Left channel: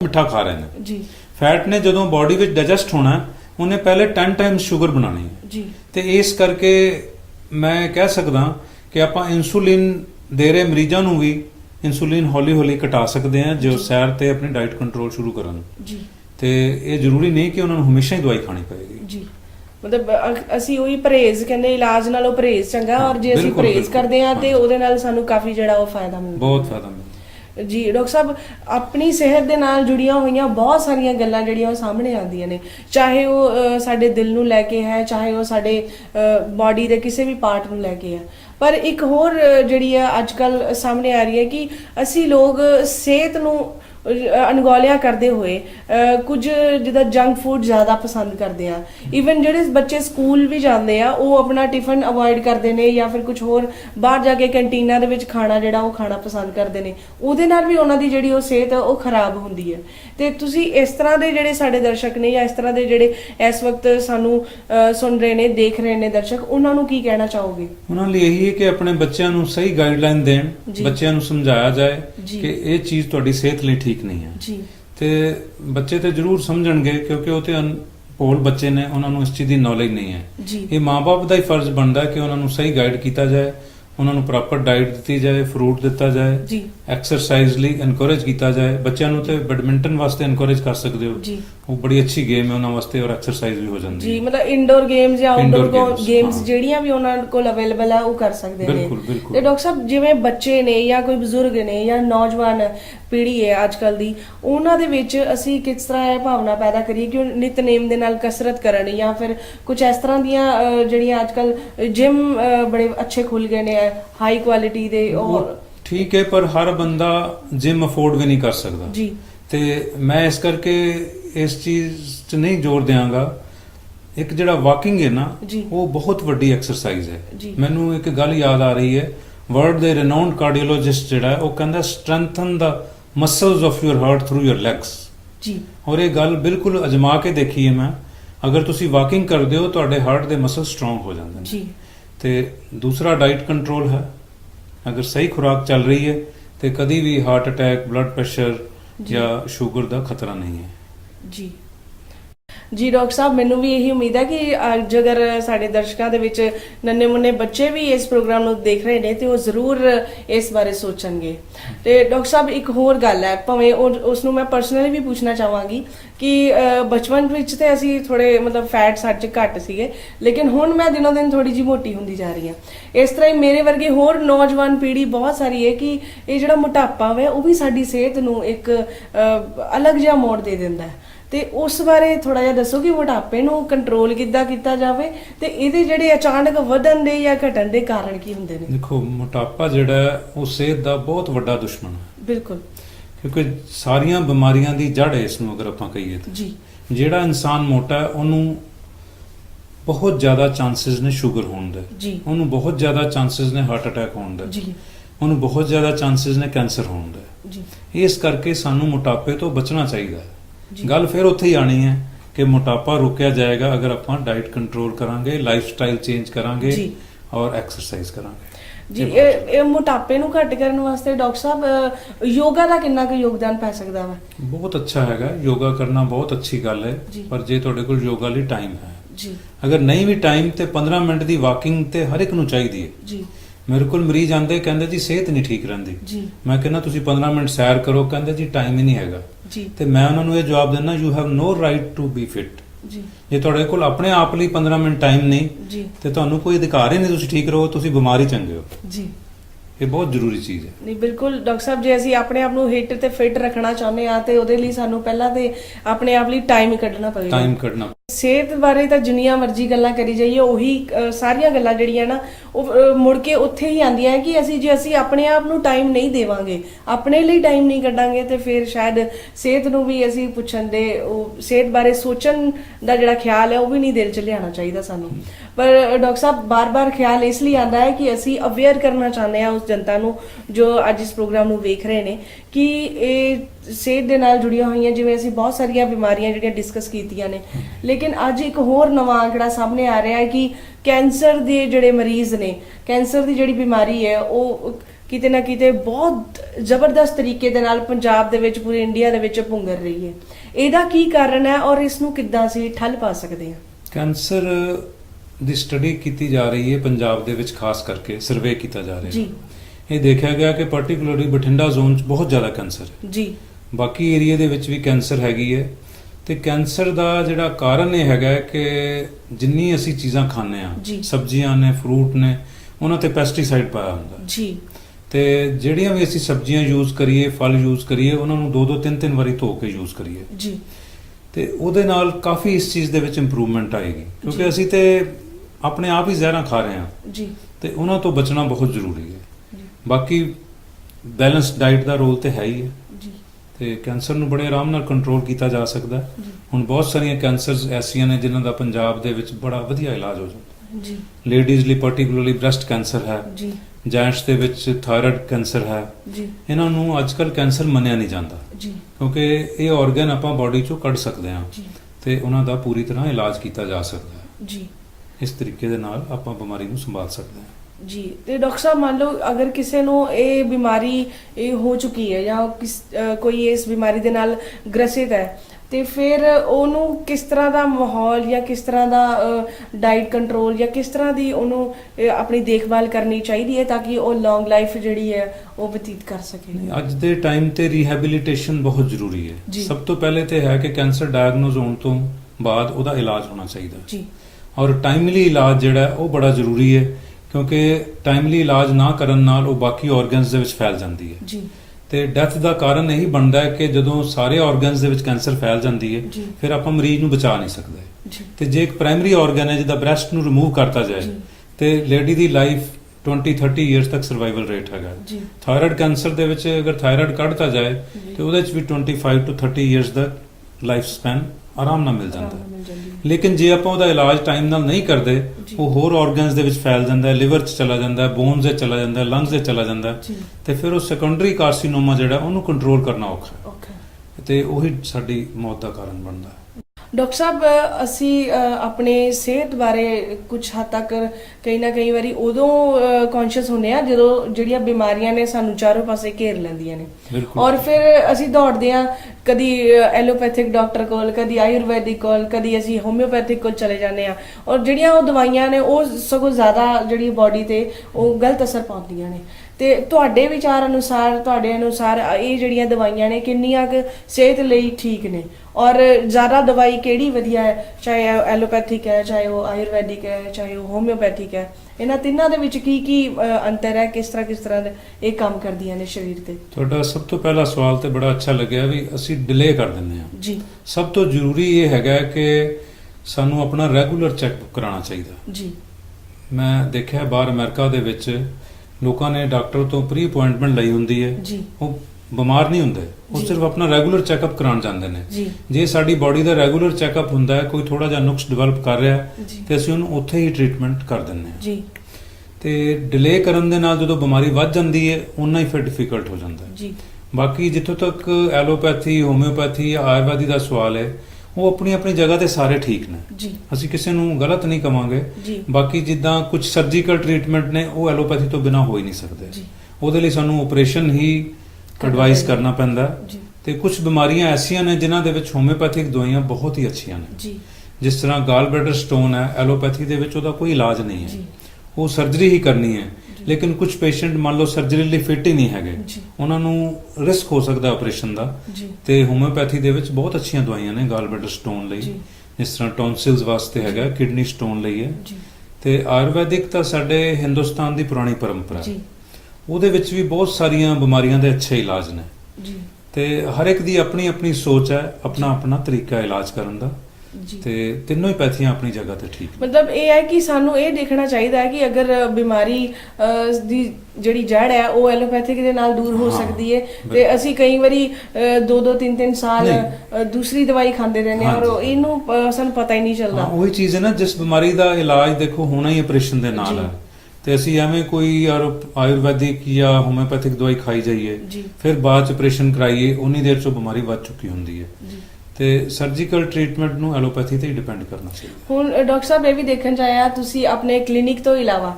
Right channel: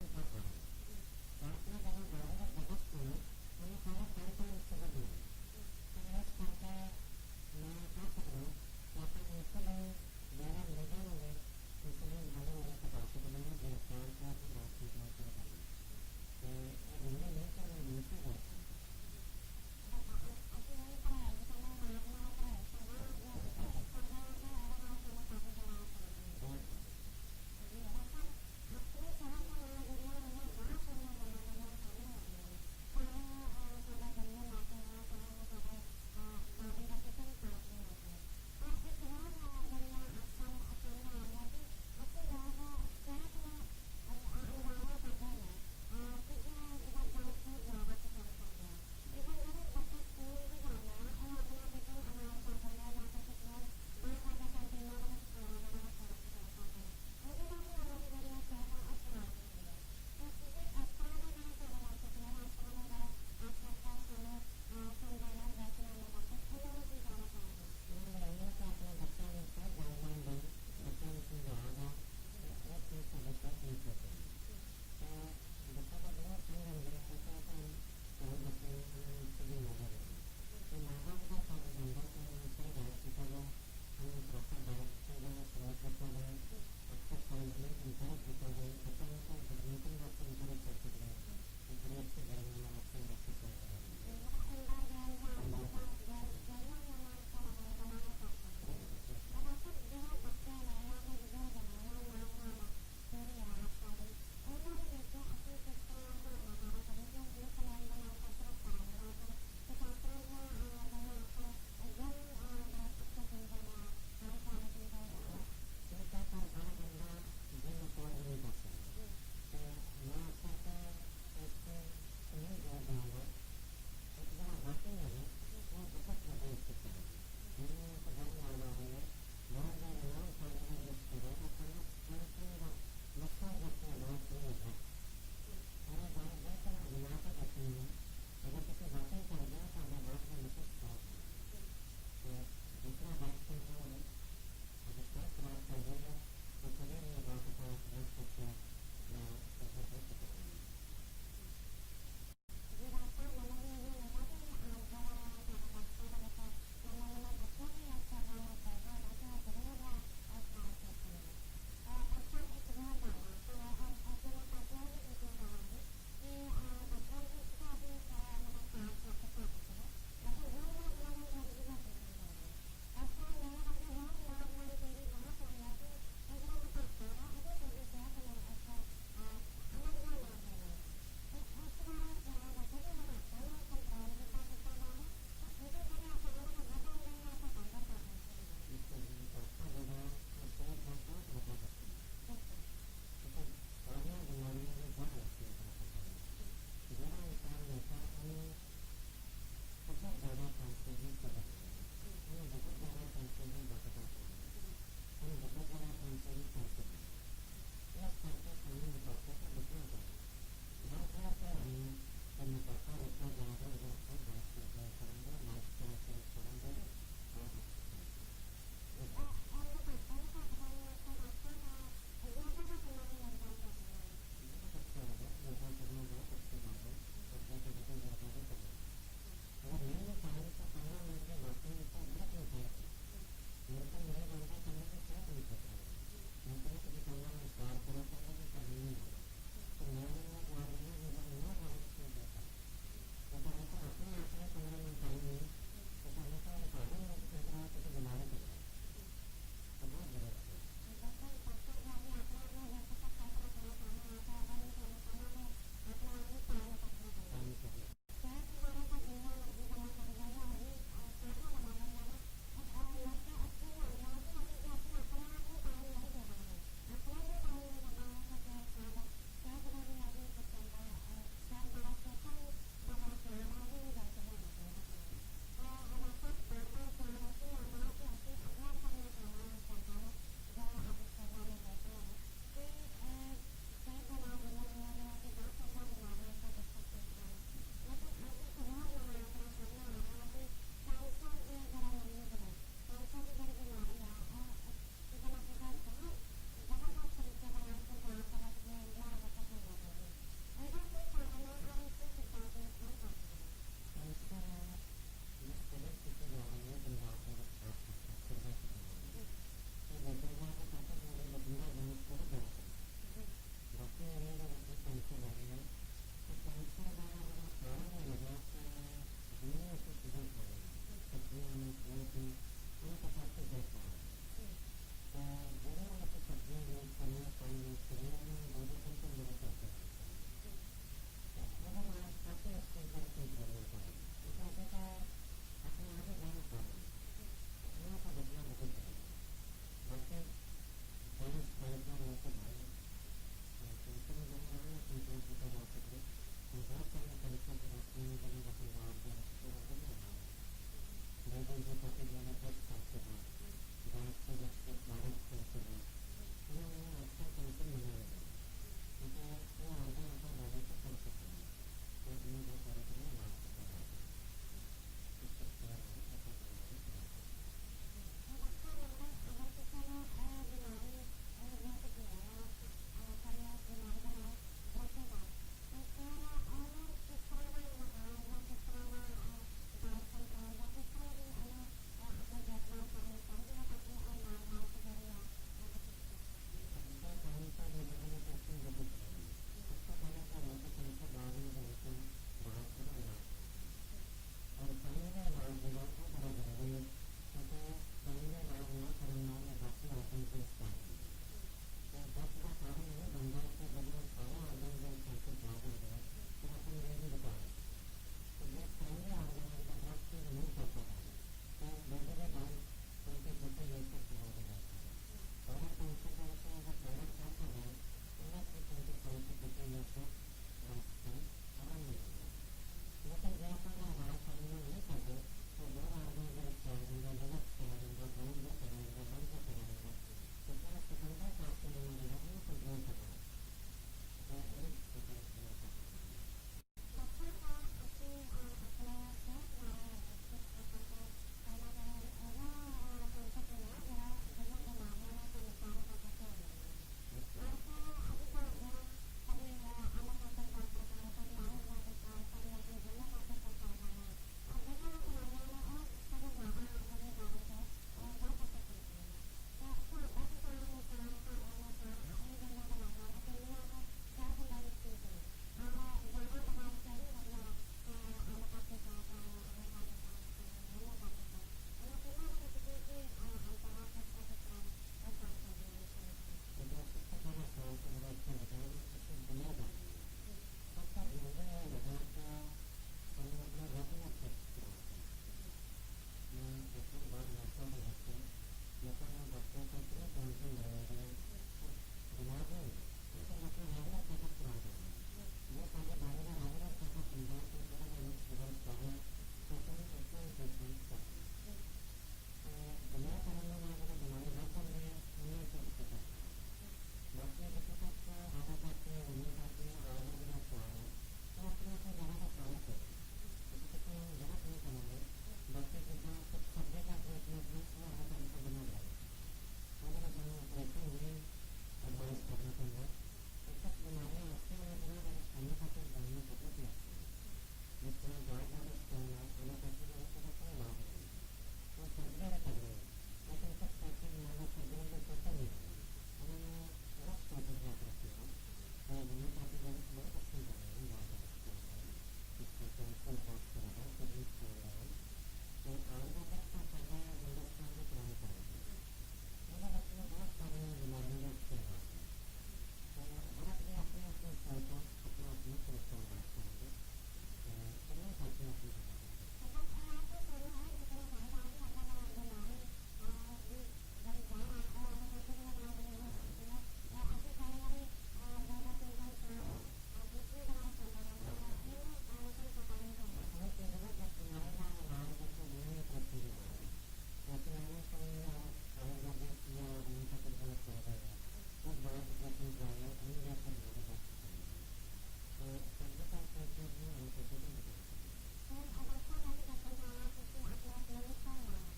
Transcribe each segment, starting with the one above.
ਮਿੱਠਾ ਖਾ ਰਹੇ ਨੇ ਜੀ ਫੈਟ ਨੇ ਜਦੋਂ ਬਾਡੀ ਵਿੱਚ ਡਾਈਜੈਸਟ ਹੋਣਾ ਉਹਨੇ ਪਹਿਲੇ 10 ਟਾਈਮਸ ਸ਼ੂਗਰ ਬਣਾਉਣੀ ਹੈ ਜੀ ਤੇ ਇਸ ਕਰਕੇ ਮੈਂ ਕਹਿ ਸਕਦਾ ਕਿ ਆਪਾਂ ਇਨਸੂਲਿਨ ਦੇ ਰਹੇ ਮਰੀਜ਼ਾਂ ਨੂੰ ਵੀ ਇਨਸੂਲਿਨ ਹੌਲੀ ਹੌਲੀ ਘਟਾ ਸਕਦੇ ਹਾਂ ਜੋ ਸੈਰ ਤੇ ਆਪਣੀ ਡਾਈਟ ਕੰਟਰੋਲ ਸ਼ੁਰੂ ਕਰਨ ਜੀ ਤੇ ਇਹ ਜ਼ਰੂਰੀ ਨਹੀਂ ਕਿ ਉਹਨਾਂ ਨੂੰ ਹਮੇਸ਼ਾ ਹੀ ਦਵਾਈ ਖਾਣੀ ਪਏਗੀ ਜੀ ਮਤਲਬ ਅਸੀਂ ਉਹੀ ਪਰਹੇਜ਼ ਕਹਿੰਦੇ ਇਲਾਜ ਨਾਲੋਂ ਪਰਹੇਜ਼ ਚੰਗਾ ਔਰ ਜੇ ਅਸੀਂ ਬਿਲਕੁਲ, ਪਰਹੇਜ਼ ਬਿਲਕੁਲ। ਕਰਦੇ ਹਾਂ ਤੇ ਉਹਦੇ ਨਾਲ ਸਾਨੂੰ ਕਾਫੀ ਜਿਹੜਾ ਉਹ ਫਾਇਦਾ ਮਿਲਦਾ ਬਹੁਤ ਫਾਇਦਾ ਮਿਲਦਾ ਜੀ ਡਾਕਟਰ ਸਾਹਿਬ ਆਪਣੀ ਸਿਹਤ ਦੇ ਨਾਲ ਜੁੜੀਆਂ ਹੋਈਆਂ ਬਹੁਤ ਸਾਰੀਆਂ ਗੱਲਾਂ ਜਿਹੜੀਆਂ ਉਹ ਸਾਹਮਣੇ ਆਉਂਦੀਆਂ ਨੇ ਚਾਹੇ ਉਹ ਸਾਡੇ ਦਿਲ ਨੂੰ ਲੈ ਕੇ ਹੈ ਚਾਹੇ ਉਹ ਸਾਡੇ ਬਾਡੀ ਦੇ ਕਿਸੇ ਵੀ ਪਾਰਟ ਨੂੰ ਲੈ ਕੇ ਹੈ ਪਰ ਇੱਕ ਹੋਰ ਜਿਹੜੀ ਹੈ ਅੱਜ ਕੱਲ ਸਾਹਮਣੇ ਆ ਰਹੀ ਹੈ ਕਿ ਅਸੀਂ ਲੋਕ ਸਿਹਤ ਨੂੰ ਅਣਗੌਲਿਆ ਕਰਦੇ ਹੋਏ ਕੁਝ ਜਿੱਦਾਂ ਜੰਕ ਫੂਡ ਜ਼ਿਆਦਾ ਪਸੰਦ ਕਰਦੇ ਆ ਈਵਨ ਜਿਹੜੇ ਬੱਚੇ ਸਕੂਲ ਵੀ ਜਾਂਦੇ ਆ ਉਹ ਆਪਣਾ ਟਿਫਨ ਅਵੋਇਡ ਕਰਦੇ ਨੇ ਜਾਂ ਫਿਰ ਕੁਝ ਹੋਰ ਬਾਹਰ ਜਾ ਕੇ ਕੈਂਟੀਨਾਂ ਦੇ ਵਿੱਚ ਖਾਣਾ ਜਿਹੜਾ ਉਹ ਖਾਣਾ ਪਸੰਦ ਕਰਦੇ ਨੇ ਉਹਦੇ ਨਾਲ ਵੀ ਉਹਨਾਂ ਦੀ ਜਿਹੜੀ ਉਹ ਸਿਹਤ ਉਹ ਖਰਾਬ ਹੁੰਦੀ ਹੈ ਤੇ ਤੁਸੀਂ ਇਸ ਤਰ੍ਹਾਂ ਦੇ ਜਿਹੜੇ ਸਾਡੇ ਦਰਸ਼ਕ ਨੇ ਜਾਂ ਇਸ ਤਰ੍ਹਾਂ ਦੇ ਜਿਹੜੇ ਇਸ ਵਕਤ ਸਾਨੂੰ ਸੁਣ ਰਹੇ ਨੇ ਦੇਖ ਰਹੇ ਨੇ ਦਰਸ਼ਕ ਉਹਨਾਂ ਨੂੰ ਕੀ ਕਹਿਣਾ ਚਾਹੋਗੇ ਉਹਨਾਂ ਲਈ ਇਹੀ ਹੈ ਕਿ ਆਪਣੇ ਬੱਚਿਆਂ ਨੂੰ ਸਹੀ ਗਾਈਡਲਾਈਨ ਦੇਣ ਬੱਚਿਆਂ ਨੂੰ ਸਮਝਾਇਆ ਜਾਏ ਕਿ ਇਹ ਚੀਜ਼ ਤੁਹਾਡੀ ਸਿਹਤ ਲਈ ਠੀਕ ਨਹੀਂ ਹੈ ਜੀ ਤੇ ਬੱਚੇ ਤੇ ਜ਼ਰੂਰ ਸਮਝਣਗੇ ਕਿਉਂਕਿ ਉਹ ਤੇ ਭੋਲ ਬੱਚੇ ਨੇ ਉਹਨਾਂ ਨੂੰ ਇਸ ਚੀਜ਼ ਦੀ ਨੌਲੇਜ ਨਹੀਂ ਹੈ ਜੀ ਇਹ ਮਾਪੇ ਦਾ ਹੀ ਫਰਜ਼ ਬਣਦਾ ਹੈ ਕਿ ਉਹਨਾਂ ਨੂੰ ਸਹੀ ਗਾਈਡ ਕੀਤਾ ਜਾਏ ਉਹਨਾਂ ਨੂੰ ਪ੍ਰੋਪਰ ਡਾਈਟ ਦਿੱਤੀ ਜਾਏ ਫਰੂਟ ਦਿੱਤਾ ਜਾਏ ਜੀ ਐਕਸਰਸਾਈਜ਼ ਲਈ ਐਨਕਰੇਜ ਕੀਤਾ ਜਾਏ ਬੱਚਿਆਂ ਨੂੰ ਤੇ ਬੈਡਮਿੰਟਨ ਵਾਸਤੇ ਐਨਕਰੇਜ ਕਰ ਸਕਦੇ ਹੋ ਜੀ ਉਹ ਬੜੀ ਅੱਛੀ ਗੇਮ ਹੈ ਉਹਨਾਂ ਵਾਸਤੇ ਔਰ ਐਕਸਰਸਾਈਜ਼ ਵੀ ਹੋ ਜਾਂਦੀ ਜੀ ਹੈ ਮਤਲਬ ਇਨਡੋਰ ਗੇਮਸ ਜਾਂ ਆਊਟਡੋਰ Indoor games, ਗੇਮਸ ਹਾਂ। ਜਿਹੜੀਆਂ ਵੀ ਉਹਨਾਂ ਕੋਲ ਅਵੇਲੇਬਲ ਹੈ ਉਹ ਕਰ ਸਕਦੇ ਨੇ ਬਿਲਕੁਲ, ਬਿਲਕੁਲ। ਤੇ ਡਾਕਟਰ ਸਾਹਿਬ ਜਿਵੇਂ ਬੱਚੇ ਨੇ ਜਾਂ ਕੋਈ ਬਜ਼ੁਰਗ ਨੇ ਜਾਂ ਨੌਜਵਾਨ ਪੀੜ੍ਹੀ ਹੈ ਅੱਜ ਕੱਲ ਦੀ ਉਹਨਾਂ ਦੇ ਵਿੱਚ ਅਸੀਂ ਕਿਸ ਤਰ੍ਹਾਂ ਇਹ ਭਾਵਨਾ ਪੈਦਾ ਕਰੀਏ ਕਿ ਉਹ ਨਿਤਨੇਮ ਦੇ ਨਾਲ ਕਸਰਤ ਕਰਨ ਜਾਂ ਫਿਰ ਕੁਝ ਇਸ ਤਰ੍ਹਾਂ ਦੀਆਂ ਜਿਹੜੀਆਂ ਅੱਜ ਕੱਲ ਜਿਮ ਬੜੇ ਅੱਛੇ ਖੁੱਲ ਗਏ ਨੇ ਹਾਈ ਕੁਆਲਿਟੀ ਦੇ ਔਰ ਠੀਕ ਹੈ ਪਰ ਹਰ ਬੰਦਾ ਜਿਮ ਅਫੋਰਡ ਵੀ ਨਹੀਂ ਕਰ ਸਕਦਾ ਜੀ ਤੇ ਮੈਂ ਇਸ ਕਰਕੇ ਇਸ ਚੀਜ਼ 'ਚ ਨਹੀਂ ਜ਼ੋਰ ਦਿਆਂਗਾ ਇੱਕ ਜਿਹੜਾ ਵਾਕਿੰਗ ਹੈ ਨਾ ਜੀ। ਉਹ ਬਹੁਤ ਵੱਡੀ ਐਕਸਰਸਾਈਜ਼ ਹੈ ਜੀ। ਮੈਨੂੰ ਇੱਕ ਗੱਲ ਯਾਦ ਆ ਰਹੀ ਹੈ ਵਰਲਡ ਦੇ ਰਿਨਾਊਂਡ ਕਾਰਡੀਓਲੋਜਿਸਟ ਜਿਹੜਾ ਹੈ, ਉਹ ਕਹਿੰਦਾ strengthen the muscles of your heart through your legs ਜੀ ਔਰ ਇਹ ਗੱਲ ਬਿਲਕੁਲ ਅਜਮਾ ਕੇ ਦੇਖੀ ਹੈ ਮੈਂ ਅਗਰ ਤੁਸੀਂ ਵਾਕਿੰਗ ਕਰਦੇ ਹੋ ਤੁਹਾਡੇ ਹਾਰਟ ਦੇ ਮਸਲ ਸਟਰੋਂਗ ਹੋ ਜਾਂਦੇ ਨੇ ਜੀ ਤੇ ਦੂਸਰਾ ਡਾਈਟ ਕੰਟਰੋਲ ਹੈ ਅਗਰ ਸਹੀ ਖੁਰਾਕ ਚੱਲ ਰਹੀ ਹੈ ਤੇ ਕਦੀ ਵੀ ਹਾਰਟ ਅਟੈਕ ਬਲੱਡ ਪ੍ਰੈਸ਼ਰ ਜੀ। ਜਾਂ ਸ਼ੂਗਰ ਦਾ ਖਤਰਾ ਨਹੀਂ ਹੈ ਜੀ ਜੀ ਡਾਕਟਰ ਸਾਹਿਬ ਮੈਨੂੰ ਵੀ ਇਹੀ ਉਮੀਦ ਹੈ ਕਿ ਅੱਜ ਅਗਰ ਸਾਡੇ ਦਰਸ਼ਕਾਂ ਦੇ ਵਿੱਚ ਨੰਨੇ ਮੁੰਨੇ ਬੱਚੇ ਵੀ ਇਸ ਪ੍ਰੋਗਰਾਮ ਨੂੰ ਦੇਖ ਰਹੇ ਨੇ ਤੇ ਉਹ ਜ਼ਰੂਰ ਇਸ ਬਾਰੇ ਸੋਚਣਗੇ ਤੇ ਡਾਕਟਰ ਸਾਹਿਬ ਇੱਕ ਹੋਰ ਗੱਲ ਹੈ ਭਾਵੇਂ ਉਸ ਨੂੰ ਮੈਂ ਪਰਸਨਲੀ ਵੀ ਪੁੱਛਣਾ ਚਾਹਾਂਗੀ ਕਿ ਬਚਪਨ ਵਿੱਚ ਤੇ ਅਸੀਂ ਥੋੜੇ ਮਤਲਬ ਫੈਟ ਸਾਡੇ 'ਚ ਘੱਟ ਸੀਗੇ ਲੇਕਿਨ ਹੁਣ ਮੈਂ ਦਿਨੋਂ ਦਿਨ ਥੋੜੀ ਜਿਹੀ ਮੋਟੀ ਹੁੰਦੀ ਜਾ ਰਹੀ ਹਾਂ ਇਸ ਤਰ੍ਹਾਂ ਹੀ ਮੇਰੇ ਵਰਗੇ ਹੋਰ ਨੌਜਵਾਨ ਪੀੜ੍ਹੀ ਬਹੁਤ ਸਾਰੀ ਹੈ ਕਿ ਇਹ ਜਿਹੜਾ ਮੋਟਾਪਾ ਹੈ ਉਹ ਵੀ ਸਾਡੀ ਸਿਹਤ ਨੂੰ ਇੱਕ ਅਲੱਗ ਜਿਹਾ ਮੋੜ ਦੇ ਦਿੰਦਾ ਹੈ ਤੇ ਉਸ ਬਾਰੇ ਥੋੜਾ ਜਿਹਾ ਦੱਸੋ ਕਿ ਮੋਟਾਪੇ ਨੂੰ ਕੰਟਰੋਲ ਕਿੱਦਾਂ ਕੀਤਾ ਜਾਵੇ ਤੇ ਇਹਦੇ ਜਿਹੜੇ ਅਚਾਨਕ ਵਧਣ ਦੇ ਜਾਂ ਘਟਣ ਦੇ ਕਾਰਨ ਕੀ ਹੁੰਦੇ ਨੇ ਦੇਖੋ ਮੋਟਾਪਾ ਜਿਹੜਾ ਹੈ ਉਹ ਸਿਹਤ ਦਾ ਬਹੁਤ ਵੱਡਾ ਦੁਸ਼ਮਣ ਹੈ ਬਿਲਕੁਲ ਕਿਉਂਕਿ ਸਾਰੀਆਂ ਬਿਮਾਰੀਆਂ ਦੀ ਜੜ ਹੈ ਇਸ ਨੂੰ ਅਗਰ ਆਪਾਂ ਕਹੀਏ ਤਾਂ ਜੀ ਜਿਹੜਾ ਇਨਸਾਨ ਮੋਟਾ ਹੈ ਉਹਨੂੰ ਬਹੁਤ ਜ਼ਿਆਦਾ ਚਾਂਸਸ ਨੇ ਸ਼ੂਗਰ ਹੋਣ ਦੇ ਜੀ ਉਹਨੂੰ ਬਹੁਤ ਜ਼ਿਆਦਾ ਚਾਂਸਸ ਨੇ ਹਾਰਟ ਅਟੈਕ ਹੋਣ ਦੇ ਜੀ ਉਹਨੂੰ ਬਹੁਤ ਜ਼ਿਆਦਾ ਚਾਂਸਸ ਨੇ ਕੈਂਸਰ ਹੋਣ ਦੇ ਜੀ ਇਸ ਕਰਕੇ ਸਾਨੂੰ ਮੋਟਾਪੇ ਤੋਂ ਬਚਣਾ ਚਾਹੀਦਾ ਹੈ ਜੀ। ਗੱਲ ਫਿਰ ਉੱਥੇ ਹੀ ਆਣੀ ਹੈ ਕਿ ਮੋਟਾਪਾ ਰੋਕਿਆ ਜਾਏਗਾ ਅਗਰ ਆਪਾਂ ਡਾਈਟ ਕੰਟਰੋਲ ਕਰਾਂਗੇ ਲਾਈਫ ਸਟਾਈਲ ਚੇਂਜ ਕਰਾਂਗੇ ਜੀ। ਔਰ ਐਕਸਰਸਾਈਜ਼ ਕਰਾਂਗੇ ਜੀ ਇਹ ਮੋਟਾਪੇ ਨੂੰ ਘੱਟ ਕਰਨ ਵਾਸਤੇ ਡਾਕਟਰ ਸਾਹਿਬ ਯੋਗਾ ਦਾ ਕਿੰਨਾ ਕੁ ਯੋਗਦਾਨ ਪੈ ਸਕਦਾ ਵਾ ਬਹੁਤ ਅੱਛਾ ਹੈਗਾ ਯੋਗਾ ਕਰਨਾ ਬਹੁਤ ਅੱਛੀ ਗੱਲ ਹੈ ਜੀ। ਪਰ ਜੇ ਤੁਹਾਡੇ ਕੋਲ ਯੋਗਾ ਲਈ ਟਾਈਮ ਹੈ ਜੀ ਅਗਰ ਨਹੀਂ ਵੀ ਟਾਈਮ ਤੇ 15 ਮਿੰਟ ਦੀ ਵਾਕਿੰਗ ਤੇ ਹਰ ਇੱਕ ਨੂੰ ਚਾਹੀਦੀ ਹੈ ਜੀ ਮੇਰੇ ਕੋਲ ਮਰੀਜ਼ ਆਂਦੇ ਕਹਿੰਦੇ ਜੀ ਸਿਹਤ ਨਹੀਂ ਠੀਕ ਰਹਿੰਦੀ ਜੀ ਮੈਂ ਕਹਿੰਦਾ ਤੁਸੀਂ 15 ਮਿੰਟ ਸੈਰ ਕਰੋ ਕਹਿੰਦੇ ਜੀ ਟਾਈਮ ਹੀ ਨਹੀਂ ਹੈਗਾ ਜੀ ਤੇ ਮੈਂ ਉਹਨਾਂ ਨੂੰ ਇਹ ਜਵਾਬ ਦਿੰਦਾ you have no right to be fit ਜੀ ਜੇ ਤੁਹਾਡੇ ਕੋਲ ਆਪਣੇ ਆਪ ਲਈ 15 ਮਿੰਟ ਟਾਈਮ ਨਹੀਂ ਜੀ ਤੇ ਤੁਹਾਨੂੰ ਕੋਈ ਅਧਿਕਾਰ ਹੀ ਨਹੀਂ ਤੁਸੀਂ ਠੀਕ ਰਹੋ ਤੁਸੀਂ ਬਿਮਾਰ ਹੀ ਚੰਗੇ ਹੋ ਜੀ ਇਹ ਬਹੁਤ ਜ਼ਰੂਰੀ ਚੀਜ਼ ਹੈ ਨਹੀਂ ਬਿਲਕੁਲ ਡਾਕਟਰ ਸਾਹਿਬ ਜੇ ਅਸੀਂ ਆਪਣੇ ਆਪ ਨੂੰ ਹਿੱਟ ਤੇ ਫਿਟ ਰੱਖਣਾ ਚਾਹੁੰਦੇ ਆ ਤੇ ਉਹਦੇ ਲਈ ਸਾਨੂੰ ਪਹਿਲਾਂ ਤੇ ਆਪਣੇ ਆਪ ਲਈ ਟਾਈਮ ਕੱਢਣਾ ਪਵੇਗਾ ਟਾਈਮ ਕੱਢਣਾ ਸਿਹਤ ਬਾਰੇ ਤਾਂ ਜਿੰਨੀਆਂ ਮਰਜ਼ੀ ਗੱਲਾਂ ਕਰੀ ਜਾਈਏ ਉਹੀ ਸਾਰੀਆਂ ਗੱਲਾਂ ਜਿਹੜੀਆਂ ਨਾ ਉਹ ਮੁੜ ਕੇ ਉੱਥੇ ਹੀ ਆਉਂਦੀਆਂ ਕਿ ਜੇ ਅਸੀਂ ਆਪਣੇ ਆਪ ਨੂੰ ਟਾਈਮ ਨਹੀਂ ਦੇਵਾਂਗੇ ਆਪਣੇ ਲਈ ਟਾਈਮ ਨਹੀਂ ਕੱਢਾਂਗੇ ਤੇ ਫਿਰ ਸ਼ਾਇਦ ਸਿਹਤ ਨੂੰ ਵੀ ਅਸੀਂ ਪੁੱਛਣ ਦੇ ਉਹ ਸਿਹਤ ਬਾਰੇ ਸੋਚਣ ਦਾ ਜਿਹੜਾ ਖਿਆਲ ਹੈ ਉਹ ਵੀ ਨਹੀਂ ਦਿਲ 'ਚ ਲਿਆਉਣਾ ਚਾਹੀਦਾ ਸਾਨੂੰ ਪਰ ਡਾਕਟਰ ਸਾਹਿਬ ਬਾਰ-ਬਾਰ ਖਿਆਲ ਇਸ ਲਈ ਆਉਂਦਾ ਹੈ ਕਿ ਅਸੀਂ ਅਵੇਅਰ ਕਰਨਾ ਚਾਹੁੰਦੇ ਹਾਂ ਉਸ ਜਨਤਾ ਨੂੰ ਜੋ ਅੱਜ ਇਸ ਪ੍ਰੋਗਰਾਮ ਨੂੰ ਵੇਖ ਰਹੇ ਨੇ ਕਿ ਇਹ ਸਿਹਤ ਦੇ ਨਾਲ ਜੁੜੀਆਂ ਹੋਈਆਂ ਜਿਵੇਂ ਅਸੀਂ ਬਹੁਤ ਸਾਰੀਆਂ ਬਿਮਾਰੀਆਂ ਜਿਹੜੀਆਂ ਡਿਸਕਸ ਕੀਤੀਆਂ ਨੇ ਲੇਕਿਨ ਅੱਜ ਇੱਕ ਹੋਰ ਨਵਾਂ ਆંકੜਾ ਸਾਹਮਣੇ ਆ ਰਿਹਾ ਹੈ ਕਿ ਕੈਂਸਰ ਦੇ ਜਿਹੜੇ ਮਰੀਜ਼ ਨੇ ਕੈਂਸਰ ਦੀ ਜਿਹੜੀ ਬਿਮਾਰੀ ਹੈ ਉਹ ਕਿਤੇ ਨਾ ਕਿਤੇ ਬਹੁਤ ਜ਼ਬਰਦਸਤ ਤਰੀਕੇ ਦੇ ਨਾਲ ਪੰਜਾਬ ਦੇ ਵਿੱਚ, ਪੂਰੇ ਇੰਡੀਆ ਦੇ ਵਿੱਚ ਪੁੰਗਰ ਰਹੀ ਹੈ। ਇਹਦਾ ਕੀ ਕਾਰਨ ਹੈ ਔਰ ਇਸ ਨੂੰ ਕਿੱਦਾਂ ਅਸੀਂ ਠੱਲ ਪਾ ਸਕਦੇ ਹਾਂ? ਕੈਂਸਰ ਦੀ ਸਟੱਡੀ ਕੀਤੀ ਜਾ ਰਹੀ ਹੈ ਪੰਜਾਬ ਦੇ ਵਿੱਚ, ਖਾਸ ਕਰਕੇ ਸਰਵੇ ਕੀਤਾ ਜਾ ਰਿਹਾ ਜੀ ਹੈ। ਇਹ ਦੇਖਿਆ ਗਿਆ ਕਿ ਪਾਰਟਿਕੂਲਰਲੀ ਬਠਿੰਡਾ ਜ਼ੋਨ 'ਚ ਬਹੁਤ ਜ਼ਿਆਦਾ ਕੈਂਸਰ ਹੈ। ਜੀ ਬਾਕੀ ਏਰੀਆ ਦੇ ਵਿੱਚ ਵੀ ਕੈਂਸਰ ਹੈਗੀ ਹੈ। ਤੇ ਕੈਂਸਰ ਦਾ ਜਿਹੜਾ ਕਾਰਨ ਇਹ ਹੈਗਾ ਹੈ ਕਿ ਜਿੰਨੀ ਅਸੀਂ ਚੀਜ਼ਾਂ ਖਾਂਦੇ ਆ, ਜੀ। ਸਬਜ਼ੀਆਂ ਨੇ, ਫਰੂਟ ਨੇ, ਉਹਨਾਂ ਤੇ ਪੈਸਟੀਸਾਈਡ ਪਾਇਆ ਹੁੰਦਾ। ਜੀ ਤੇ ਜਿਹੜੀਆਂ ਵੀ ਅਸੀਂ ਸਬਜ਼ੀਆਂ ਯੂਜ਼ ਕਰੀਏ, ਫਲ ਯੂਜ਼ ਕਰੀਏ, ਉਹਨਾਂ ਨੂੰ 2-2 3-3 ਵਾਰੀ ਧੋ ਕੇ ਯੂਜ਼ ਕਰੀਏ ਜੀ ਤੇ ਉਹਦੇ ਨਾਲ ਕਾਫੀ ਇਸ ਚੀਜ਼ ਦੇ ਵਿੱਚ ਇੰਪਰੂਵਮੈਂਟ ਆਏਗੀ, ਜੀ। ਕਿਉਂਕਿ ਅਸੀਂ ਤੇ ਆਪਣੇ ਆਪ ਹੀ ਜ਼ਹਿਰਾਂ ਖਾ ਰਹੇ ਹਾਂ ਜੀ ਤੇ ਉਹਨਾਂ ਤੋਂ ਬਚਣਾ ਬਹੁਤ ਜ਼ਰੂਰੀ ਹੈ। ਜੀ ਬਾਕੀ ਬੈਲੈਂਸ ਡਾਈਟ ਦਾ ਰੋਲ ਤੇ ਹੈ ਹੀ ਹੈ ਜੀ ਤੇ ਕੈਂਸਰ ਨੂੰ ਬੜੇ ਆਰਾਮ ਨਾਲ ਕੰਟਰੋਲ ਕੀਤਾ ਜਾ ਸਕਦਾ ਹੈ। ਜੀ ਹੁਣ ਬਹੁਤ ਸਾਰੀਆਂ ਕੈਂਸਰਸ ਐਸੀਆਂ ਨੇ ਜਿਨ੍ਹਾਂ ਦਾ ਪੰਜਾਬ ਦੇ ਵਿੱਚ ਬੜਾ ਵਧੀਆ ਇਲਾਜ ਹੋ ਜਾਂਦਾ। ਜੀ ਲੇਡੀਜ਼ ਲਈ ਪਾਰਟਿਕੂਲਰਲੀ ਬ੍ਰੈਸਟ ਕੈਂਸਰ ਹੈ, ਜੀ ਜੈਂਟਸ ਦੇ ਵਿੱਚ ਥਾਇਰਾਇਡ ਕੈਂਸਰ ਹੈ। ਜੀ ਇਹਨਾਂ ਨੂੰ ਅੱਜਕੱਲ ਕੈਂਸਰ ਮੰਨਿਆ ਨਹੀਂ ਜਾਂਦਾ ਜੀ ਕਿਉਂਕਿ ਇਹ ਆਰਗਨ ਆਪਾਂ ਬਾਡੀ ਚੋਂ ਕੱਢ ਸਕਦੇ ਹਾਂ ਜੀ ਤੇ ਉਹਨਾਂ ਦਾ ਪੂਰੀ ਤਰ੍ਹਾਂ ਇਲਾਜ ਕੀਤਾ ਜਾ ਸਕਦਾ ਹੈ। ਜੀ ਇਸ ਤਰੀਕੇ ਦੇ ਨਾਲ ਆਪਾਂ ਬਿਮਾਰੀ ਨੂੰ ਸੰਭਾਲ ਸਕਦੇ ਹਾਂ। ਜੀ। ਤੇ ਡਾਕਟਰ ਸਾਹਿਬ, ਮੰਨ ਲਓ ਅਗਰ ਕਿਸੇ ਨੂੰ ਇਹ ਬਿਮਾਰੀ ਇਹ ਹੋ ਚੁੱਕੀ ਹੈ ਜਾਂ ਕੋਈ ਇਸ ਬਿਮਾਰੀ ਦੇ ਨਾਲ ਗ੍ਰਸਿਤ ਹੈ, ਤੇ ਫਿਰ ਉਹਨੂੰ ਕਿਸ ਤਰ੍ਹਾਂ ਦਾ ਮਾਹੌਲ ਜਾਂ ਕਿਸ ਤਰ੍ਹਾਂ ਦਾ ਡਾਈਟ ਕੰਟਰੋਲ ਜਾਂ ਕਿਸ ਤਰ੍ਹਾਂ ਦੀ ਉਹਨੂੰ ਆਪਣੀ ਦੇਖਭਾਲ ਕਰਨੀ ਚਾਹੀਦੀ ਹੈ ਤਾਂ ਕਿ ਉਹ ਲੌਂਗ ਲਾਈਫ ਜਿਹੜੀ ਹੈ ਉਹ ਬਤੀਤ ਕਰ ਸਕੇ? ਅੱਜ ਦੇ ਟਾਈਮ ਤੇ ਰੀਹੈਬਿਲਿਟੇਸ਼ਨ ਬਹੁਤ ਜ਼ਰੂਰੀ ਹੈ। ਜੀ। ਸਭ ਤੋਂ ਪਹਿਲੇ ਤੇ ਹੈ ਕਿ ਕੈਂਸਰ ਡਾਇਗਨੋਜ਼ ਹੋਣ ਤੋਂ ਬਾਅਦ ਉਹਦਾ ਇਲਾਜ ਹੋਣਾ ਚਾਹੀਦਾ ਜੀ ਔਰ ਟਾਈਮਲੀ ਇਲਾਜ ਜਿਹੜਾ ਹੈ ਉਹ ਬੜਾ ਜ਼ਰੂਰੀ ਹੈ, ਕਿਉਂਕਿ ਟਾਈਮਲੀ ਇਲਾਜ ਨਾ ਕਰਨ ਨਾਲ ਉਹ ਬਾਕੀ ਆਰਗਨਸ ਦੇ ਵਿੱਚ ਫੈਲ ਜਾਂਦੀ ਹੈ ਜੀ ਤੇ ਡੈਥ ਦਾ ਕਾਰਨ ਇਹੀ ਬਣਦਾ ਹੈ ਕਿ ਜਦੋਂ ਸਾਰੇ ਆਰਗਨਸ ਦੇ ਵਿੱਚ ਕੈਂਸਰ ਫੈਲ ਜਾਂਦੀ ਹੈ ਜੀ ਫਿਰ ਆਪਾਂ ਮਰੀਜ਼ ਨੂੰ ਬਚਾ ਨਹੀਂ ਸਕਦੇ। ਜੀ ਤੇ ਜੇ ਇੱਕ ਪ੍ਰਾਇਮਰੀ ਆਰਗਨ ਹੈ ਜਿਹਦਾ ਬ੍ਰੈਸਟ ਨੂੰ ਰਿਮੂਵ ਕਰਤਾ ਜਾਏ ਜੀ ਤੇ ਲੇਡੀ ਦੀ ਲਾਈਫ 20-30 ਇਅਰਸ ਤੱਕ ਸਰਵਾਈਵਲ ਰੇਟ ਹੈਗਾ। ਜੀ ਥਾਇਰਾਇਡ ਕੈਂਸਰ ਦੇ ਵਿੱਚ ਅਗਰ ਥਾਇਰਾਇਡ ਕੱਢਤਾ ਜਾਏ ਜੀ। ਤੇ ਉਹਦੇ ਵਿੱਚ ਵੀ 25 ਤੋਂ 30 ਇਅਰਸ ਦਾ ਲਾਈਫ ਸਪੈਨ ਆਰਾਮ ਨਾਲ ਮਿਲ ਜਾਂਦਾ ਹੈ। ਮਿਲ ਜਾਂਦੀ ਹੈ। ਲੇਕਿਨ ਜੇ ਆਪਾਂ ਉਹਦਾ ਇਲਾਜ ਟਾਈਮ ਨਾਲ ਨਹੀਂ ਕਰਦੇ, ਜੀ। ਉਹ ਹੋਰ ਆਰਗਨਸ ਦੇ ਵਿੱਚ ਫੈਲ ਜਾਂਦਾ ਹੈ, ਲਿਵਰ 'ਚ ਚਲਾ ਜਾਂਦਾ ਹੈ, ਬੋਨਸ 'ਚ ਚਲਾ ਜਾਂਦਾ ਹੈ, ਲੰਗਸ 'ਚ ਚਲਾ ਜਾਂਦਾ ਹੈ ਜੀ ਤੇ ਫਿਰ ਉਹ ਸੈਕੰਡਰੀ ਕਾਰਸੀਨੋਮਾ ਜਿਹੜਾ ਉਹਨੂੰ ਕੰਟਰੋਲ ਕਰਨਾ ਔਖਾ ਹੈ ਓਕੇ। ਤੇ ਉਹੀ ਸਾਡੀ ਮੌਤ ਦਾ ਕਾਰਨ ਬਣਦਾ ਹੈ। ਡਾਕਟਰ ਸਾਹਿਬ, ਅਸੀਂ ਆਪਣੇ ਸਿਹਤ ਬਾਰੇ ਕੁਝ ਹੱਦ ਤੱਕ ਕਈ ਨਾ ਕਈ ਵਾਰੀ ਉਦੋਂ ਕੌਨਸ਼ੀਅਸ ਹੁੰਦੇ ਆ ਜਦੋਂ ਜਿਹੜੀਆਂ ਬਿਮਾਰੀਆਂ ਨੇ ਸਾਨੂੰ ਚਾਰੋਂ ਪਾਸੇ ਘੇਰ ਲੈਂਦੀਆਂ ਨੇ ਬਿਲਕੁਲ। ਔਰ ਫਿਰ ਅਸੀਂ ਦੌੜਦੇ ਆ, ਕਦੀ ਐਲੋਪੈਥਿਕ ਡਾਕਟਰ ਕੋਲ, ਕਦੀ ਆਯੁਰਵੈਦਿਕ ਕੋਲ, ਕਦੀ ਅਸੀਂ ਹੋਮਿਓਪੈਥਿਕ ਕੋਲ ਚਲੇ ਜਾਂਦੇ ਆ ਔਰ ਜਿਹੜੀਆਂ ਉਹ ਦਵਾਈਆਂ ਨੇ ਉਹ ਸਗੋਂ ਜ਼ਿਆਦਾ ਜਿਹੜੀ ਬਾਡੀ ਤੇ ਉਹ ਗਲਤ ਅਸਰ ਪਾਉਂਦੀਆਂ ਨੇ। ਤੇ ਤੁਹਾਡੇ ਵਿਚਾਰ ਅਨੁਸਾਰ, ਤੁਹਾਡੇ ਅਨੁਸਾਰ ਇਹ ਜਿਹੜੀਆਂ ਦਵਾਈਆਂ ਨੇ ਕਿੰਨੀਆਂ ਕੁ ਸਿਹਤ ਲਈ ਠੀਕ ਨੇ ਔਰ ਜ਼ਿਆਦਾ ਦਵਾਈ ਕਿਹੜੀ ਵਧੀਆ ਹੈ, ਚਾਹੇ ਐਲੋਪੈਥਿਕ ਹੈ, ਚਾਹੇ ਉਹ ਆਯੁਰਵੈਦਿਕ ਹੈ, ਚਾਹੇ ਉਹ ਹੋਮਿਓਪੈਥਿਕ ਹੈ? ਇਹਨਾਂ ਤਿੰਨਾਂ ਦੇ ਵਿੱਚ ਕੀ ਕੀ ਅੰਤਰ ਹੈ, ਕਿਸ ਤਰ੍ਹਾਂ ਦੇ ਇਹ ਕੰਮ ਕਰਦੀਆਂ ਨੇ ਸਰੀਰ ਤੇ? ਤੁਹਾਡਾ ਸਭ ਤੋਂ ਪਹਿਲਾ ਸਵਾਲ ਤੇ ਬੜਾ ਅੱਛਾ ਲੱਗਿਆ ਵੀ ਅਸੀਂ ਡਿਲੇ ਕਰ ਦਿੰਦੇ ਹਾਂ। ਜੀ ਸਭ ਤੋਂ ਜ਼ਰੂਰੀ ਇਹ ਹੈਗਾ ਕਿ ਸਾਨੂੰ ਆਪਣਾ ਰੈਗੂਲਰ ਚੈੱਕਅਪ ਕਰਾਉਣਾ ਚਾਹੀਦਾ। ਜੀ ਮੈਂ ਦੇਖਿਆ ਬਾਹਰ ਅਮਰੀਕਾ ਦੇ ਵਿੱਚ ਲੋਕਾਂ ਨੇ ਡਾਕਟਰ ਤੋਂ ਪ੍ਰੀ ਅਪਾਇੰਟਮੈਂਟ ਲਈ ਹੁੰਦੀ ਹੈ, ਜੀ ਉਹ ਬਿਮਾਰ ਨਹੀਂ ਹੁੰਦੇ, ਉਹ ਜੀ। ਸਿਰਫ ਆਪਣਾ ਰੈਗੂਲਰ ਚੈੱਕਅਪ ਕਰਾਉਣ ਜਾਂਦੇ ਨੇ। ਜੀ ਜੇ ਸਾਡੀ ਬਾਡੀ ਦਾ ਰੈਗੂਲਰ ਚੈੱਕਅਪ ਹੁੰਦਾ ਹੈ, ਕੋਈ ਥੋੜਾ ਜਿਹਾ ਨੁਕਸ ਡਿਵੈਲਪ ਕਰ ਰਿਹਾ ਹੈ ਜੀ ਤੇ ਅਸੀਂ ਉਹਨੂੰ ਉੱਥੇ ਹੀ ਟ੍ਰੀਟਮੈਂਟ ਕਰ ਦਿੰਦੇ ਹਾਂ। ਜੀ ਤੇ ਡਿਲੇ ਕਰਨ ਦੇ ਨਾਲ ਜਦੋਂ ਬਿਮਾਰੀ ਵੱਧ ਜਾਂਦੀ ਹੈ ਉਨਾ ਹੀ ਫਿਰ ਡਿਫਿਕਲਟ ਹੋ ਜਾਂਦਾ ਹੈ। ਜੀ ਬਾਕੀ ਜਿੱਥੋਂ ਤੱਕ ਐਲੋਪੈਥੀ, ਹੋਮਿਓਪੈਥੀ ਜਾਂ ਆਯੁਰਵੈਦੀ ਦਾ ਸਵਾਲ ਹੈ, ਉਹ ਆਪਣੀ ਆਪਣੀ ਜਗ੍ਹਾ ਤੇ ਸਾਰੇ ਠੀਕ ਨੇ। ਜੀ ਅਸੀਂ ਕਿਸੇ ਨੂੰ ਗਲਤ ਨਹੀਂ ਕਵਾਂਗੇ। ਜੀ ਬਾਕੀ ਜਿੱਦਾਂ ਕੁਝ ਸਰਜੀਕਲ ਟ੍ਰੀਟਮੈਂਟ ਨੇ ਉਹ ਐਲੋਪੈਥੀ ਤੋਂ ਬਿਨਾ ਹੋ ਹੀ ਨਹੀਂ ਸਕਦੇ। ਜੀ ਉਹਦੇ ਲਈ ਸਾਨੂੰ ਆਪਰੇਸ਼ਨ ਹੀ ਐਡਵਾਈਸ ਕਰਨਾ ਪੈਂਦਾ ਹੈ। ਜੀ ਤੇ ਕੁਝ ਬਿਮਾਰੀਆਂ ਐਸੀਆਂ ਨੇ ਜਿਨ੍ਹਾਂ ਦੇ ਵਿੱਚ ਹੋਮਿਓਪੈਥਿਕ ਦਵਾਈਆਂ ਬਹੁਤ ਹੀ ਅੱਛੀਆਂ ਨੇ। ਜੀ ਜਿਸ ਤਰ੍ਹਾਂ ਗਾਲ ਬਲੈਡਰ ਸਟੋਨ ਹੈ, ਐਲੋਪੈਥੀ ਦੇ ਵਿੱਚ ਉਹਦਾ ਕੋਈ ਇਲਾਜ ਨਹੀਂ ਹੈ, ਜੀ ਉਹ ਸਰਜਰੀ ਹੀ ਕਰਨੀ ਹੈ। ਜੀ। ਲੇਕਿਨ ਕੁਝ ਪੇਸ਼ੈਂਟ ਮੰਨ ਲਓ ਸਰਜਰੀ ਲਈ ਫਿੱਟ ਹੀ ਨਹੀਂ ਹੈਗੇ, ਜੀ ਉਹਨਾਂ ਨੂੰ ਰਿਸਕ ਹੋ ਸਕਦਾ ਆਪਰੇਸ਼ਨ ਦਾ। ਜੀ ਤੇ ਹੋਮਿਓਪੈਥੀ ਦੇ ਵਿੱਚ ਬਹੁਤ ਅੱਛੀਆਂ ਦਵਾਈਆਂ ਨੇ ਗਾਲ ਬਲੈਡਰ ਸਟੋਨ ਲਈ, ਜੀ ਜਿਸ ਤਰ੍ਹਾਂ ਟੌਨਸਿਲਸ ਵਾਸਤੇ ਹੈਗਾ, ਕਿਡਨੀ ਸਟੋਨ ਲਈ ਹੈ। ਜੀ ਤੇ ਆਯੁਰਵੈਦਿਕ ਤਾਂ ਸਾਡੇ ਹਿੰਦੁਸਤਾਨ ਦੀ ਪੁਰਾਣੀ ਪਰੰਪਰਾ ਹੈ, ਜੀ ਉਹਦੇ ਵਿੱਚ ਵੀ ਬਹੁਤ ਸਾਰੀਆਂ ਬਿਮਾਰੀਆਂ ਦੇ ਅੱਛੇ ਇਲਾਜ ਨੇ। ਜੀ ਤੇ ਹਰ ਇੱਕ ਦੀ ਆਪਣੀ ਆਪਣੀ ਸੋਚ ਹੈ, ਆਪਣਾ ਆਪਣਾ ਤਰੀਕਾ ਇਲਾਜ ਕਰਨ ਦਾ। ਜੀ ਤੇ ਤਿੰਨੋਂ ਹੀ ਪੈਥੀਆਂ ਆਪਣੀ ਜਗ੍ਹਾ ਤੇ ਠੀਕ ਨੇ। ਮਤਲਬ ਇਹ ਹੈ ਕਿ ਸਾਨੂੰ ਇਹ ਦੇਖਣਾ ਚਾਹੀਦਾ ਹੈ ਕਿ ਅਗਰ ਬਿਮਾਰੀ ਦੀ ਜਿਹੜੀ ਜੜ ਹੈ ਉਹ ਐਲੋਪੈਥਿਕ ਦੇ ਨਾਲ ਦੂਰ ਹੋ ਹਾਂ, ਸਕਦੀ ਹੈ ਤੇ ਬਿਲਕੁਲ। ਅਸੀਂ ਕਈ ਵਾਰੀ 2-2 3-3 ਸਾਲ ਨਹੀਂ। ਦੂਸਰੀ ਦਵਾਈ ਖਾਂਦੇ ਰਹਿੰਦੇ ਹਾਂ ਔਰ ਹਾਂਜੀ। ਇਹਨੂੰ ਸਾਨੂੰ ਪਤਾ ਹੀ ਨਹੀਂ ਹਾਂ, ਚੱਲਦਾ। ਉਹੀ ਚੀਜ਼ ਹੈ ਨਾ, ਜਿਸ ਬਿਮਾਰੀ ਦਾ ਇਲਾਜ ਦੇਖੋ ਹੋਣਾ ਹੀ ਆਪਰੇਸ਼ਨ ਦੇ ਨਾਲ ਜੀ। ਹੈ ਤੇ ਅਸੀਂ ਐਵੇਂ ਕੋਈ ਆਯੁਰਵੈਦਿਕ ਜਾਂ ਹੋਮਿਓਪੈਥਿਕ ਦਵਾਈ ਖਾਈ ਜਾਈਏ, ਜੀ ਫਿਰ ਬਾਅਦ ਚ ਆਪਰੇਸ਼ਨ ਕਰਾਈਏ, ਉਨੀ ਦੇਰ ਚ ਉਹ ਬਿਮਾਰੀ ਵੱਧ ਚੁੱਕੀ ਹੁੰਦੀ ਹੈ। ਜੀ ਤੇ ਸਰਜੀਕਲ ਟ੍ਰੀਟਮੈਂਟ ਨੂੰ ਐਲੋਪੈਥੀ ਤੇ ਹੀ ਡਿਪੈਂਡ ਕਰਨਾ ਚਾਹੀਦਾ। ਹੁਣ ਡਾਕਟਰ ਸਾਹਿਬ ਇਹ ਵੀ ਦੇਖਣ ਚ ਆਇਆ ਤੁਸੀਂ ਆਪਣੇ ਕਲੀਨਿਕ ਤੋਂ ਇਲਾਵਾ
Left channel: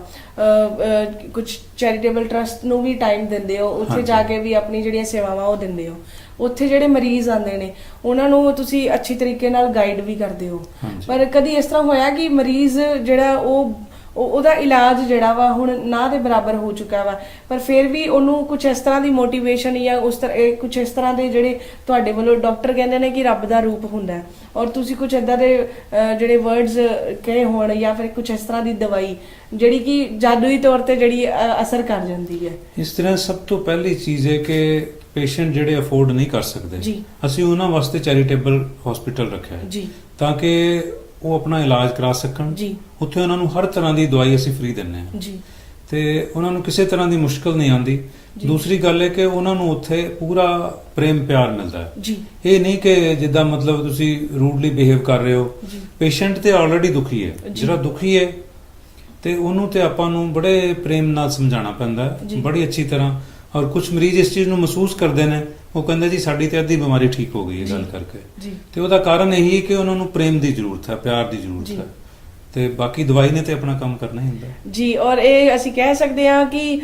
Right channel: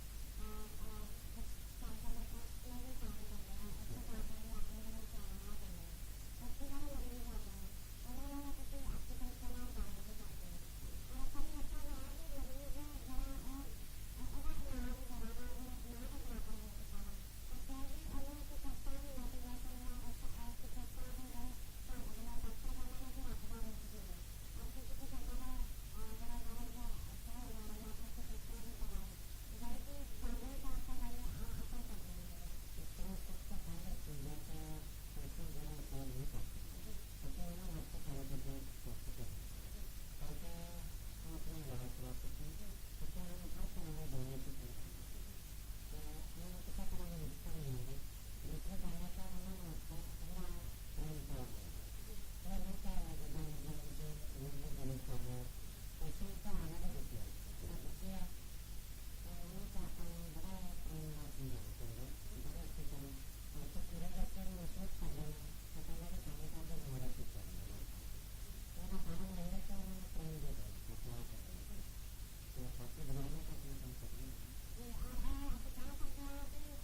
ਕੁਝ ਚੈਰੀਟੇਬਲ ਟਰਸਟ ਨੂੰ ਵੀ ਟਾਈਮ ਦਿੰਦੇ ਹੋ, ਉੱਥੇ ਹਾਂਜੀ। ਜਾ ਕੇ ਵੀ ਆਪਣੀ ਜਿਹੜੀਆਂ ਸੇਵਾਵਾਂ ਉਹ ਦਿੰਦੇ ਹੋ। ਉੱਥੇ ਜਿਹੜੇ ਮਰੀਜ਼ ਆਉਂਦੇ ਨੇ ਉਹਨਾਂ ਨੂੰ ਤੁਸੀਂ ਅੱਛੀ ਤਰੀਕੇ ਨਾਲ ਗਾਈਡ ਵੀ ਕਰਦੇ ਹੋ, ਹਾਂਜੀ। ਪਰ ਕਦੀ ਇਸ ਤਰ੍ਹਾਂ ਹੋਇਆ ਕਿ ਮਰੀਜ਼ ਜਿਹੜਾ ਉਹਦਾ ਇਲਾਜ ਜਿਹੜਾ ਵਾ ਹੁਣ ਨਾ ਦੇ ਬਰਾਬਰ ਹੋ ਚੁੱਕਾ ਵਾ, ਪਰ ਫਿਰ ਵੀ ਉਹਨੂੰ ਕੁਝ ਇਸ ਤਰ੍ਹਾਂ ਦੀ ਮੋਟੀਵੇਸ਼ਨ ਜਾਂ ਉਸ ਤਰ੍ਹਾਂ ਕੁਝ ਇਸ ਤਰ੍ਹਾਂ ਦੇ ਜਿਹੜੇ ਤੁਹਾਡੇ ਵੱਲੋਂ ਡਾਕਟਰ ਕਹਿੰਦੇ ਨੇ ਕਿ ਰੱਬ ਦਾ ਰੂਪ ਹੁੰਦਾ ਹੈ, ਔਰ ਤੁਸੀਂ ਕੁਝ ਇਦਾਂ ਦੇ ਜਿਹੜੇ ਵਰਡਸ ਕਹੇ ਹੋਣ ਜਾਂ ਫਿਰ ਕੁਝ ਇਸ ਤਰ੍ਹਾਂ ਦੀ ਦਵਾਈ ਜਿਹੜੀ ਕਿ ਜਾਦੂਈ ਤੌਰ ਤੇ ਜਿਹੜੀ ਅਸਰ ਕਰ ਜਾਂਦੀ ਹੈ? ਇਸ ਤਰ੍ਹਾਂ ਸਭ ਤੋਂ ਪਹਿਲੀ ਚੀਜ਼ ਹੈ ਕਿ ਪੇਸ਼ੈਂਟ ਜਿਹੜੇ ਅਫੋਰਡ ਨਹੀਂ ਕਰ ਸਕਦੇ, ਜੀ। ਅਸੀਂ ਉਹਨਾਂ ਵਾਸਤੇ ਚੈਰੀਟੇਬਲ ਹਸਪੀਟਲ ਰੱਖਿਆ ਹੈ ਜੀ ਤਾਂ ਕਿ ਉਹ ਆਪਣਾ ਇਲਾਜ ਕਰਾ ਸਕਣ। ਜੀ ਉੱਥੇ ਉਹਨਾਂ ਨੂੰ ਹਰ ਤਰ੍ਹਾਂ ਦੀ ਦਵਾਈ ਅਸੀਂ ਫ੍ਰੀ ਦਿੰਦੇ ਹਾਂ ਜੀ ਤੇ ਉਹਨਾਂ ਨੂੰ ਕਿਸੇ ਤਰ੍ਹਾਂ ਦੀ ਮੁਸ਼ਕਲ ਨਹੀਂ ਆਉਂਦੀ। ਜੀ। ਦੂਸਰੀ ਗੱਲ ਹੈ ਕਿ ਉਹਨਾਂ ਨੂੰ ਉੱਥੇ ਪੂਰਾ ਪ੍ਰੇਮ ਪਿਆਰ ਮਿਲਦਾ ਹੈ। ਜੀ ਇਹ ਨਹੀਂ ਕਿ ਜਿੱਦਾਂ ਮਤਲਬ ਤੁਸੀਂ ਰੂਡਲੀ ਬਿਹੇਵ ਕਰ ਰਹੇ ਹੋ। ਜੀ ਪੇਸ਼ੈਂਟ ਤੇ ਆਲਰੇਡੀ ਦੁਖੀ ਹੈ, ਜੀ। ਜਿਹੜਾ ਦੁਖੀ ਹੈ ਤੇ ਉਹਨੂੰ ਤੇ ਆਪਾਂ ਨੂੰ ਬੜੇ ਪ੍ਰੇਮ ਨਾਲ ਸਮਝਾਉਣਾ ਪੈਂਦਾ ਹੈ, ਜੀ। ਬੜੀ ਅੱਛੀ ਤਰ੍ਹਾਂ। ਔਰ ਕੁਝ ਮਰੀਜ਼ ਇਸ ਚੀਜ਼ ਨੂੰ ਮਹਿਸੂਸ ਕਰਦੇ ਨੇ, ਉਹ ਕਹਿੰਦੇ ਜੀ ਸਾਡੀ ਤੇ ਅੱਧੀ ਬਿਮਾਰੀ ਠੀਕ ਹੋ ਗਈ ਹੈ ਜੀ। ਗੱਲ ਕਰਕੇ। ਜੀ ਤੇ ਉਹਦਾ ਕਾਰਨ ਇਹੀ ਹੈ ਕਿ ਉਹਨਾਂ ਨੂੰ ਪ੍ਰੇਮ ਦੀ ਜ਼ਰੂਰਤ ਹੈ, ਪਿਆਰ ਦੀ ਜ਼ਰੂਰਤ ਜੀ। ਹੈ, ਤੇ ਬਾਕੀ ਦਵਾਈ ਨੇ ਤੇ ਆਪਣਾ ਕੰਮ ਕਰਨਾ ਹੀ ਹੁੰਦਾ ਹੈ। ਜੀ ਔਰ ਇਹ ਅਸੀਂ ਕਹਿ ਸਕਦੇ ਹਾਂ ਕਿ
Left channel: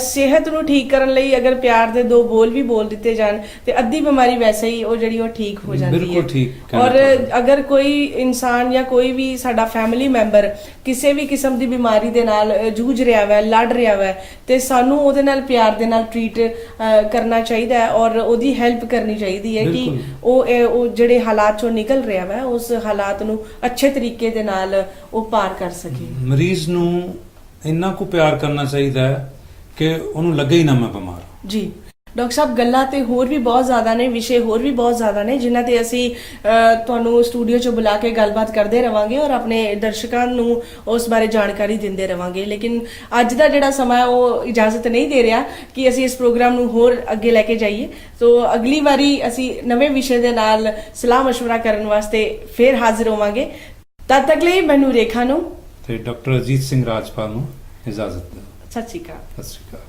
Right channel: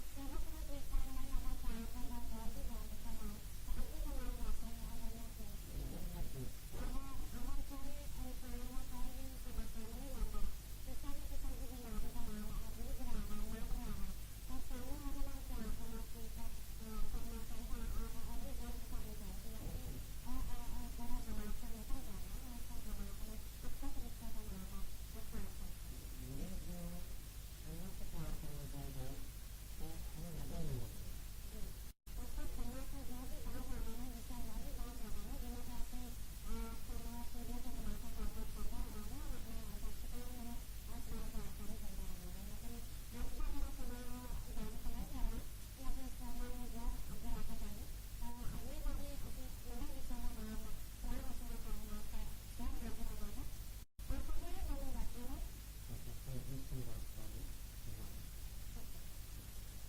ਸਿਹਤ ਨੂੰ ਠੀਕ ਕਰਨ ਲਈ ਅਗਰ ਪਿਆਰ ਦੇ ਦੋ ਬੋਲ ਵੀ ਬੋਲ ਦਿੱਤੇ ਜਾਣ ਤੇ ਅੱਧੀ ਬਿਮਾਰੀ ਵੈਸੇ ਹੀ ਉਹ ਜਿਹੜੀ ਉਹ ਠੀਕ ਹੋ ਜਾਂਦੀ ਹੈ। ਬਿਲਕੁਲ ਠੀਕ ਕਹਿਣਾ ਔਰ ਚਾਹੁੰਦਾ। ਅਗਰ ਕੋਈ ਇਨਸਾਨ ਜਾਂ ਕੋਈ ਵੀ ਸਾਡਾ ਫੈਮਿਲੀ ਮੈਂਬਰ ਕਿਸੇ ਵੀ ਕਿਸਮ ਦੀ ਬਿਮਾਰੀ ਦੇ ਨਾਲ ਜੂਝ ਰਿਹਾ ਹੈ, ਲੜ ਰਿਹਾ ਹੈ, ਤੇ ਸਾਨੂੰ ਉਹਦੇ ਨਾਲ ਪਿਆਰ ਦੇ ਨਾਲ ਟਰੀਟ ਕਰਨਾ ਚਾਹੀਦਾ ਹੈ ਔਰ ਉਹਦੀ ਹੈਲਪ ਕਰਨੀ ਚਾਹੀਦੀ ਹੈ ਕਿ ਬਿਲਕੁਲ। ਉਹ ਜਿਹੜੇ ਹਾਲਾਤ ਚੋਂ ਨਿਕਲ ਰਿਹਾ ਹੈ ਉਸ ਹਾਲਾਤ ਨੂੰ ਅੱਛੇ ਤਰੀਕੇ ਦੇ ਨਾਲ ਉਹ ਪਾਰ ਕਰ ਸਕੇ। ਮਰੀਜ਼ ਨੂੰ ਇੰਨਾ ਕੁ ਪਿਆਰ ਕਰਨਾ ਚਾਹੀਦਾ ਹੈ ਕਿ ਉਹਨੂੰ ਲੱਗੇ ਹੀ ਨਾ ਮੈਂ ਬਿਮਾਰ। ਜੀ ਡਾਕਟਰ ਸਾਹਿਬ, ਗੱਲਾਂ ਤੇ ਹੋਰ ਵੀ ਬਹੁਤ ਜ਼ਿਆਦਾ ਨੇ, ਵਿਸ਼ੇ ਹੋਰ ਵੀ ਬਹੁਤ ਜ਼ਿਆਦਾ ਨੇ ਜਿਨ੍ਹਾਂ ਤੇ ਅਸੀਂ ਤੁਹਾਨੂੰ ਸਟੂਡੀਓ 'ਚ ਬੁਲਾ ਕੇ ਗੱਲਬਾਤ ਕਰਦੇ ਰਵਾਂਗੇ ਔਰ ਆਪਣੇ ਦਰਸ਼ਕਾਂ ਨੂੰ ਉਸ ਬਾਰੇ ਜਾਣਕਾਰੀ ਦਿੰਦੇ ਰਵਾਂਗੇ, ਲੇਕਿਨ ਅੱਜ ਦਾ ਜਿਹੜਾ ਸਮਾਂ ਉਹ ਇਜਾਜ਼ਤ ਨਹੀਂ ਦੇ ਰਿਹਾ ਕਿ ਅਸੀਂ ਇਸ ਪ੍ਰੋਗਰਾਮ ਨੂੰ ਹੋਰ ਅੱਗੇ ਲੈ ਕੇ ਜਾਈਏ। ਸੋ ਅਗਲੀ ਵਾਰੀ ਅਸੀਂ ਨਵੇਂ ਵਿਸ਼ੇ ਦੇ ਨਾਲ ਸਲਾਹ ਮਸ਼ਵਰਾ ਕਰਨ ਵਾਸਤੇ ਫੇਰ ਹਾਜ਼ਰ ਹੋਵਾਂਗੇ। ਤਦ ਤੱਕ ਲਈ ਮੈਨੂੰ ਰੇਖਾ ਨੂੰ ਤੇ ਡਾਕਟਰ ਅਜੀਤ ਸਿੰਘ ਰਾਜਪਾਲ ਨੂੰ ਇਜਾਜ਼ਤ ਦਿਓ। ਸਤਿ ਸ਼੍ਰੀ ਅਕਾਲ। ਸਤਿ ਸ਼੍ਰੀ ਅਕਾਲ।